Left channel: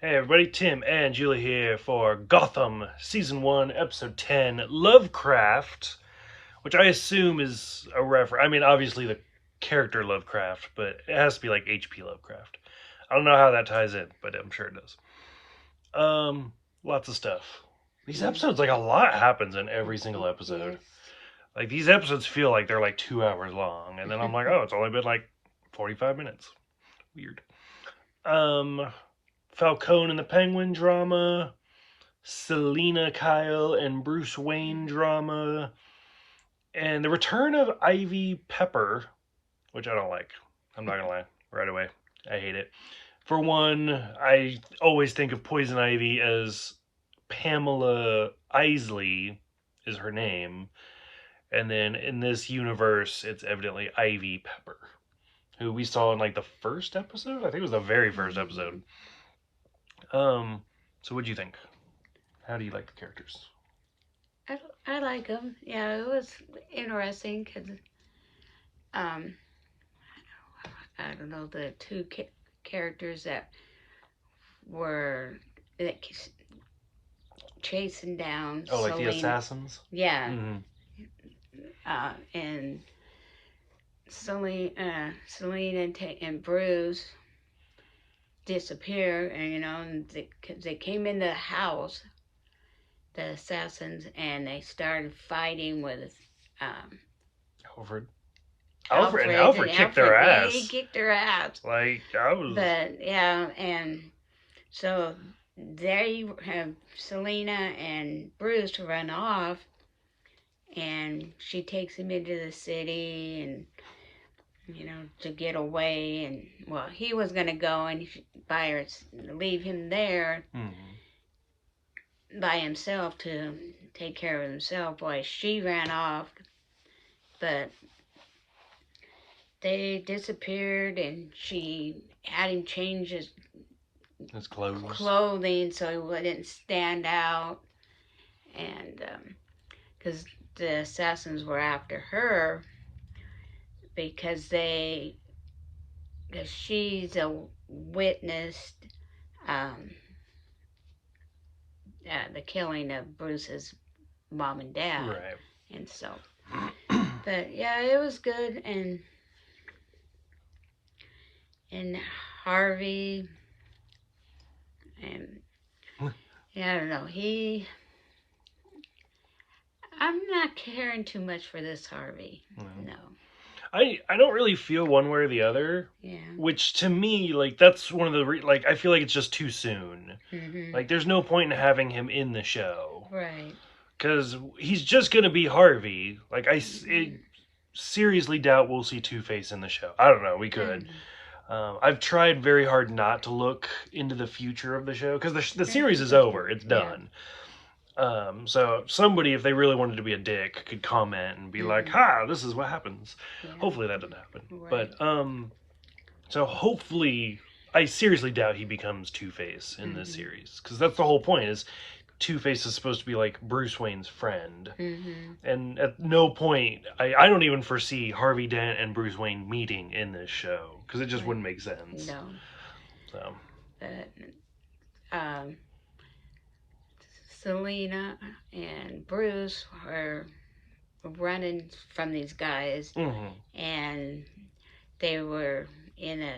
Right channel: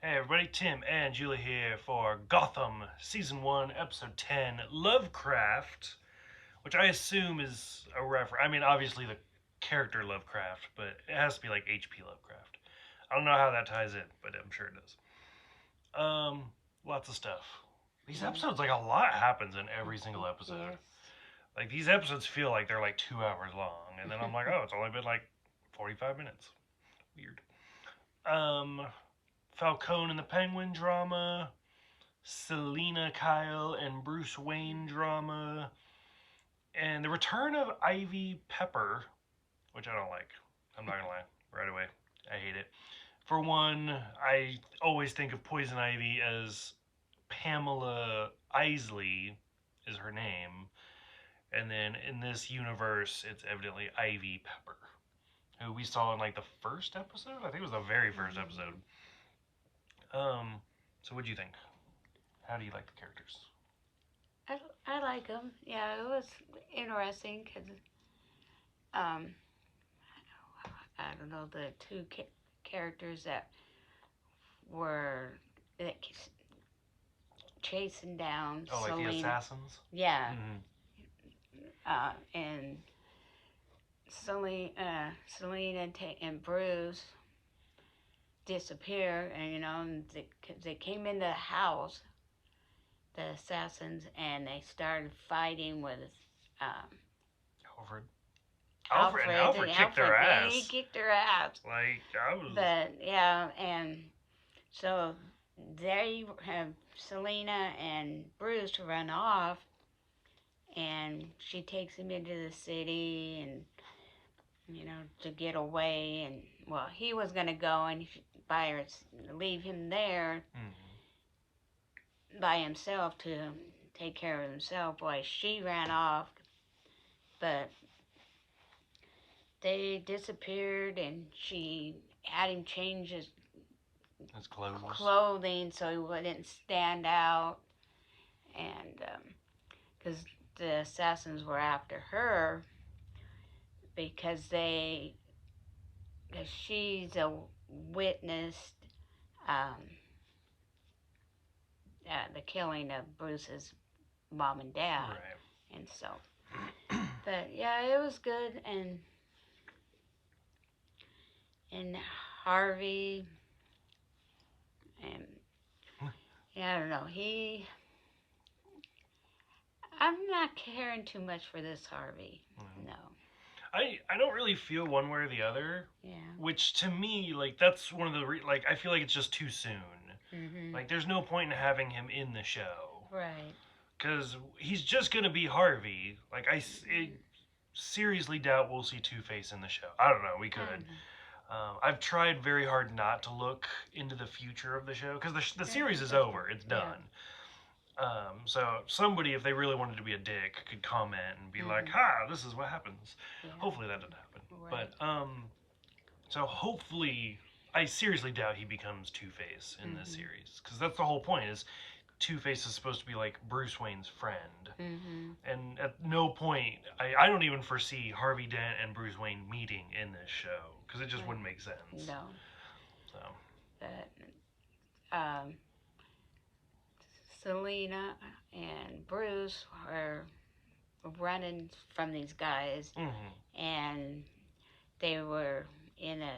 Hey everybody, Tim and Julie here for Gotham Season 1, Episode 10, Lovecraft, which I assume is a reference. I mean, obviously the character Lovecraft, but it has to be like H.P. Lovecraft. I don't know how that ties in, but I'm sure it does. Lots of stuff. These episodes, like, a lot happens in every single episode. Yes. Like, these episodes feel like they're like 2 hours long, and then I'm like, oh, it's only been like 45 minutes. Weird. Um, Falcone and the Penguin drama, Selena Kyle and Bruce Wayne drama, and the return of Ivy Pepper, which I don't like. I'm not gonna lie, right away. I hate it. For one, I always think of Poison Ivy as Pamela Isley is her name, and then in this universe, it's evidently Ivy Pepper, who we saw in like the first episode. I think it was the very first episode. Um, so what do you think? How do you like the characters? I like them. Yeah, it was interesting because um, I don't know the two characters that were that chasing down Oh, like the Selena. assassins? Yeah, Mm-hmm. and Selena and Bruce disappear, and and they came in the house, the assassins, and they started fighting with um, Alfred. Alfred. Alfred kicked their Yeah, he ass. kicked her ass. Like I was. But yeah, and so there you have Selena and Bruce run off, and she takes him into the city, and to get away. And well, he was gonna go and by her leave him there Mm-hmm. by himself to take care of himself while she ran off. But they disappeared, and she had him change His clothes. clothing so he wouldn't stand out, and because the assassins were after her because because she's a witnessed um, the killing of Bruce's mom and dad, Right. and so. But yeah, it was good, and Harvey, and yeah, I don't know. I'm not caring too much for this Harvey. Mm-hmm. No. I don't really feel one way or the other. Yeah. Which to me, like that's one of the like I feel like it's just too soon. Mhm. Like there's no point in having him in the show Right. because he's just gonna be Harvey. Like seriously doubt we'll see Two Face in the show. I don't know. We could. Mhm. I've tried very hard not to look into the future of the show because the series is That's over. good. It's Yeah. done. So somebody, if they really wanted to be a dick, could comment and be like, Mhm. "Ha, this is what happens." Yeah. Hopefully that doesn't happen. Right. But so hopefully, I seriously doubt he becomes Two Face in this Mhm. series because that's the whole point. Is Two Face is supposed to be like Bruce Wayne's friend, Mhm. and at no point, I don't even foresee Harvey Dent and Bruce Wayne meeting in this show because it just Right. wouldn't make sense. No. So But um, Selena and Bruce were running from these guys, mm-hmm. and they were in a,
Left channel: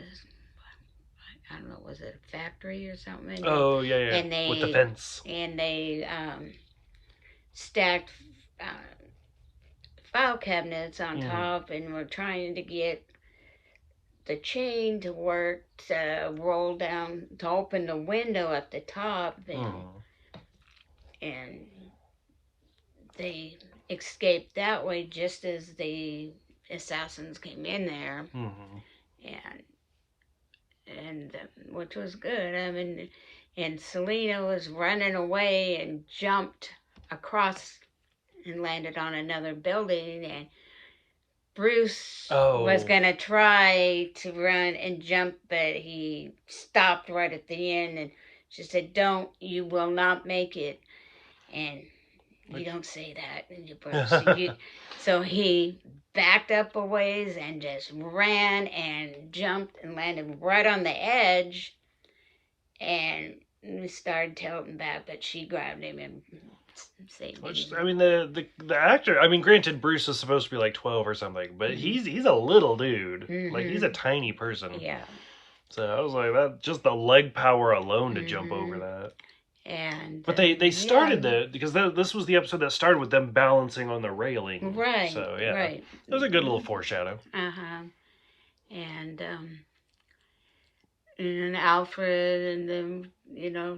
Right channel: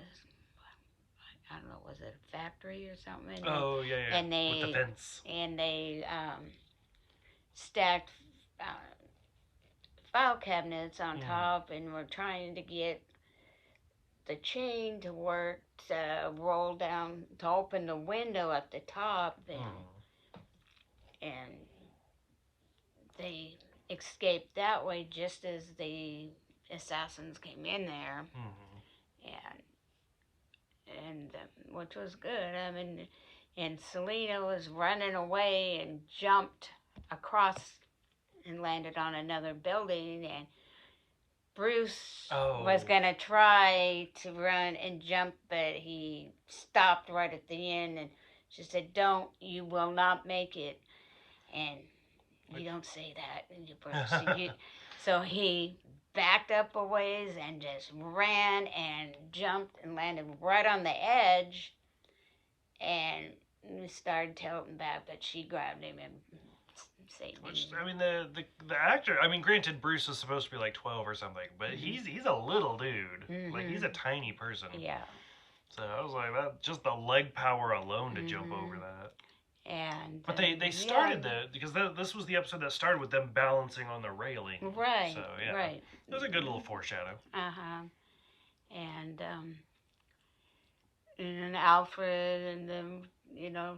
I don't know, was it a factory or something? Oh yeah, yeah, And with the they fence. and they stacked uh, file cabinets on Mm-hmm. top, and were trying to get the chain to work to roll down to open the window at the top, Mm-hmm. and they escaped that way just as the assassins came in there, Mm-hmm. and which was good. I mean, and Selena was running away and jumped across and landed on another building, and Bruce was Oh, gonna try to run and jump, but he stopped right at the end, and she said, "Don't, you will not make it." And you which don't say that, Bruce. So he backed up a ways and just ran and jumped and landed right on the edge, and we started tilting back, but she grabbed him and saved Which, him. I mean, the actor. I mean, granted, Bruce is supposed to be like 12 or something, but he's a little dude. Like he's a tiny person. Yeah. So I was like, that just the leg power alone to jump over Mm-hmm. that. And But they started yeah. because this was the episode that started with them balancing on the railing. Right. So yeah, Right. it was a good little foreshadow. Uh-huh. And and Alfred and them,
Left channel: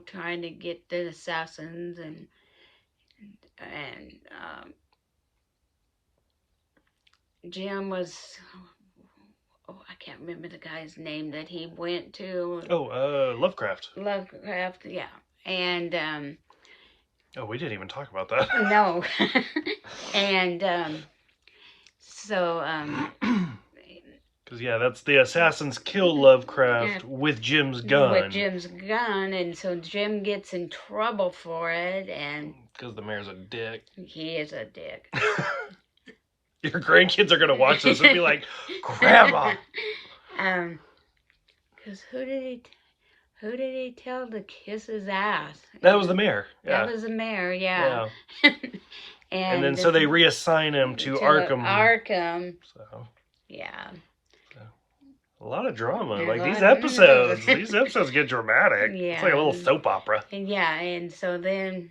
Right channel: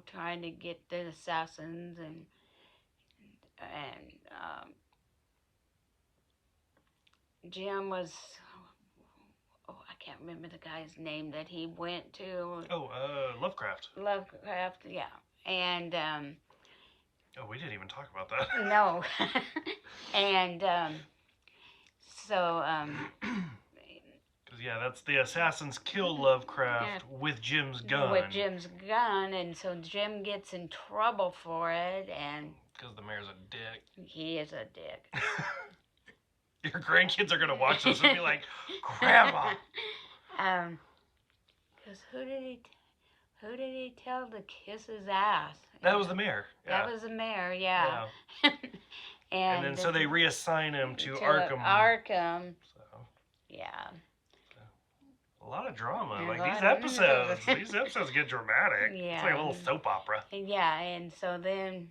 trying to get the assassins and Jim was, oh, I can't remember the guy's name that he went to. Oh, Lovecraft. Lovecraft, yeah. And Oh, we didn't even talk about that. no. And so because yeah, that's the assassins kill Lovecraft with Jim's gun. With Jim's gun, and so Jim gets in trouble for it, and because the mayor's a dick. He is a dick. Your grandkids are gonna watch this and be like, "Grandma." Because who did he tell to kiss his ass? That was the mayor. Yeah. That was the mayor. Yeah. And then so they reassign him to Arkham. Arkham. So. Yeah. A lot of drama. Like these episodes get dramatic. Yeah. It's like a little soap opera. Yeah, and so then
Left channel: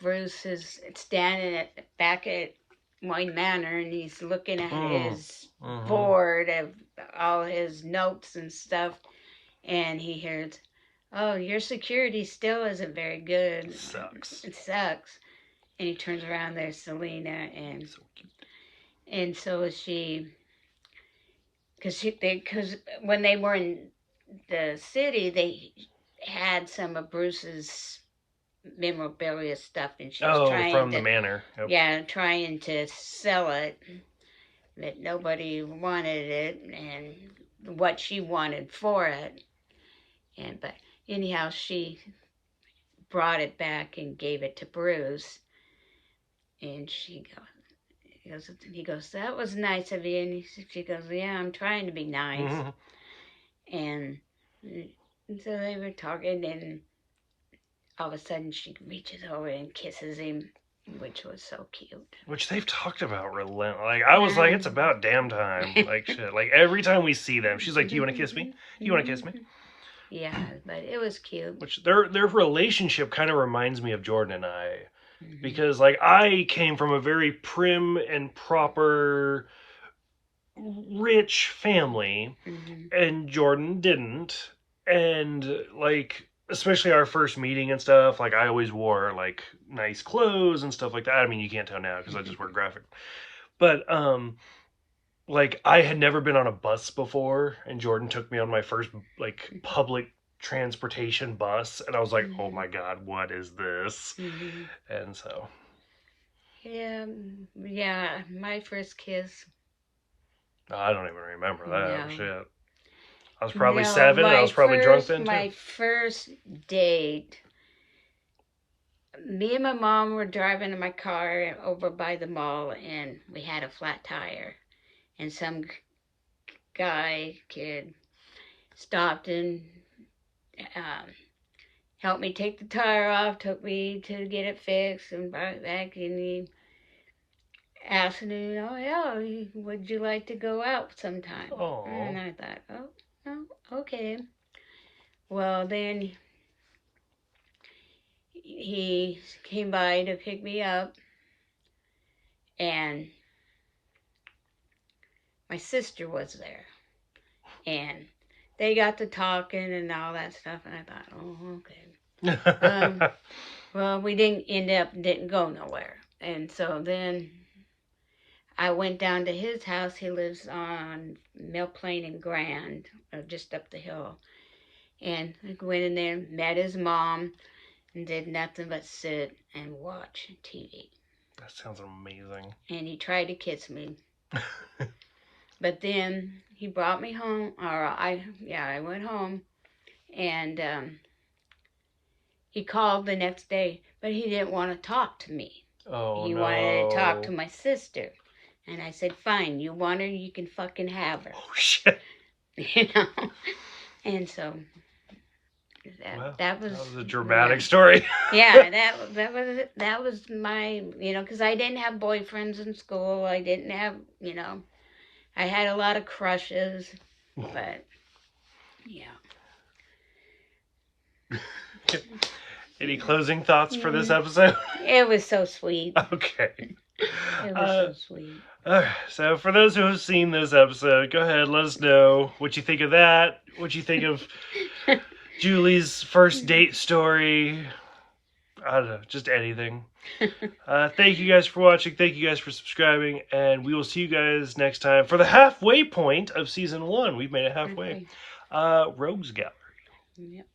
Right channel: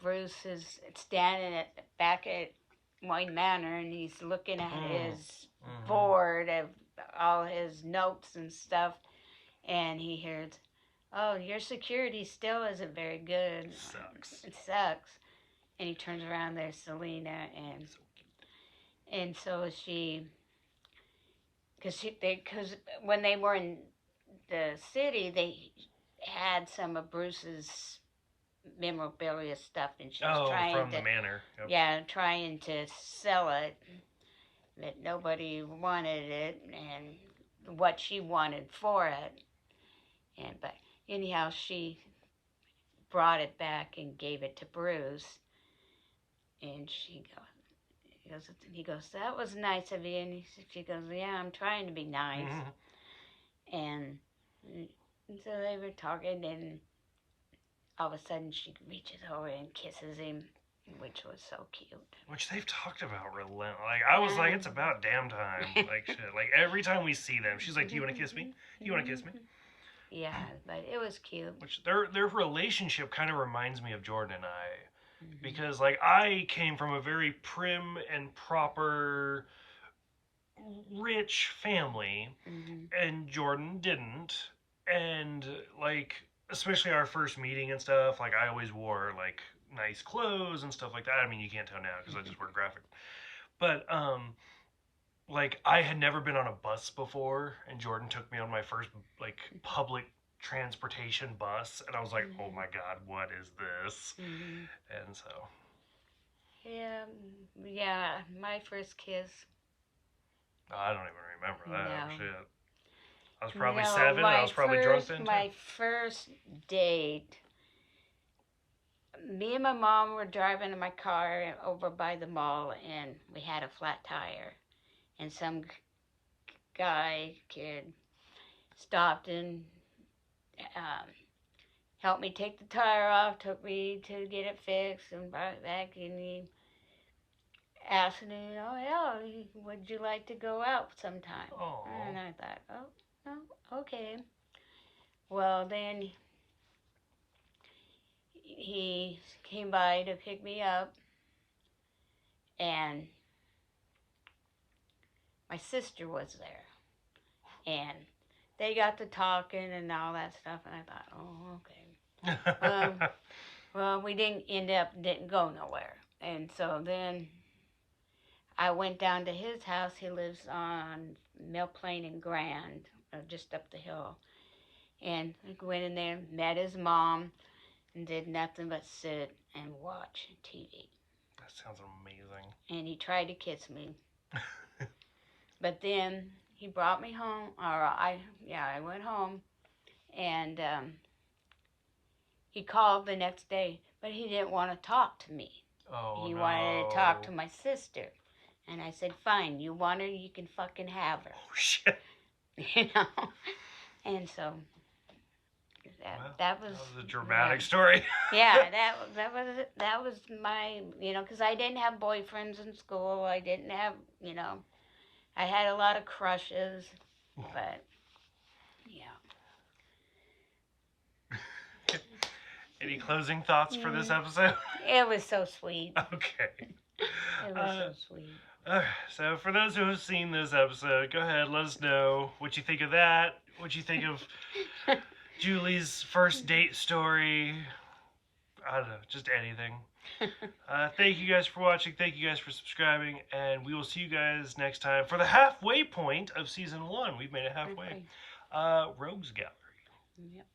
Bruce is standing back at Wayne Manor, and he's looking at his board of all his notes and stuff, and he hears, "Oh, your security still isn't very good. Sucks. It sucks." And he turns around, there's Selena, and so cute. And so she, because when they were in the city, they had some of Bruce's memorabilia stuff, and she was trying from the manor. Yep. Yeah, trying to sell it, but nobody wanted it, and what she wanted for it, but anyhow, she brought it back and gave it to Bruce, and he goes, "That was nice of you," and she goes, "Yeah, I'm trying to be nice." And so they were talking, and all of a sudden she reaches over and kisses him, which was so cute. Which they've talked about relentless. Like I was like, it's about damn time. Like shit. Like every time we see them, she's like, "Do you want to kiss me? You want to kiss me?" Yeah, but it was cute. Which their relationship kind of reminds me of Jordan and I. Because like I came from a very prim and proper rich family, and Jordan didn't, and like especially our first meeting and stuff, like I always wore like nice clothes and stuff like that. I mean, you can't tell now because I just wear graphic, but like I had never been on a bus before, and Jordan took me on my first like public transportation bus, and I was like, "Oh my god, what is this?" And so yeah, my first kiss, I don't even remember that. Shit, I was probably 7, and I was probably drunk then too. My first date, me and my mom were driving in my car over by the mall, and we had a flat tire, and some kid stopped and helped me take the tire off, took me to get it fixed, and brought it back, and he asked me, "Yeah, would you like to go out sometime?" Aww. And I thought, "Oh, okay." Well, then he came by to pick me up, and my sister was there, and they got to talking and all that stuff, and I thought, "Oh, okay." Well, we didn't go nowhere, and so then I went down to his house. He lives on Mill Plain and Grand, just up the hill, and I went in there, met his mom, and did nothing but sit and watch TV. That sounds amazing. And he tried to kiss me. But then he brought me home, I went home, and he called the next day, but he didn't want to talk to me. Oh, he wanted to talk to my sister. And I said, "Fine, you want her, you can fucking have her." Oh, shit. And so Well, that was a dramatic story. Yeah, that was my, because I didn't have boyfriends in school. I didn't have, I had a lot of crushes, but yeah. Any closing thoughts for this episode? It was so sweet. Okay. It was so sweet. So for those who have seen this episode, go ahead, let us know what you think of that. What you think of Julie's first date story. I don't know, just anything. Thank you guys for watching. Thank you guys for subscribing. And we will see you guys next time for the halfway point of season 1. We've made it halfway. Rogues Gallery. Yep.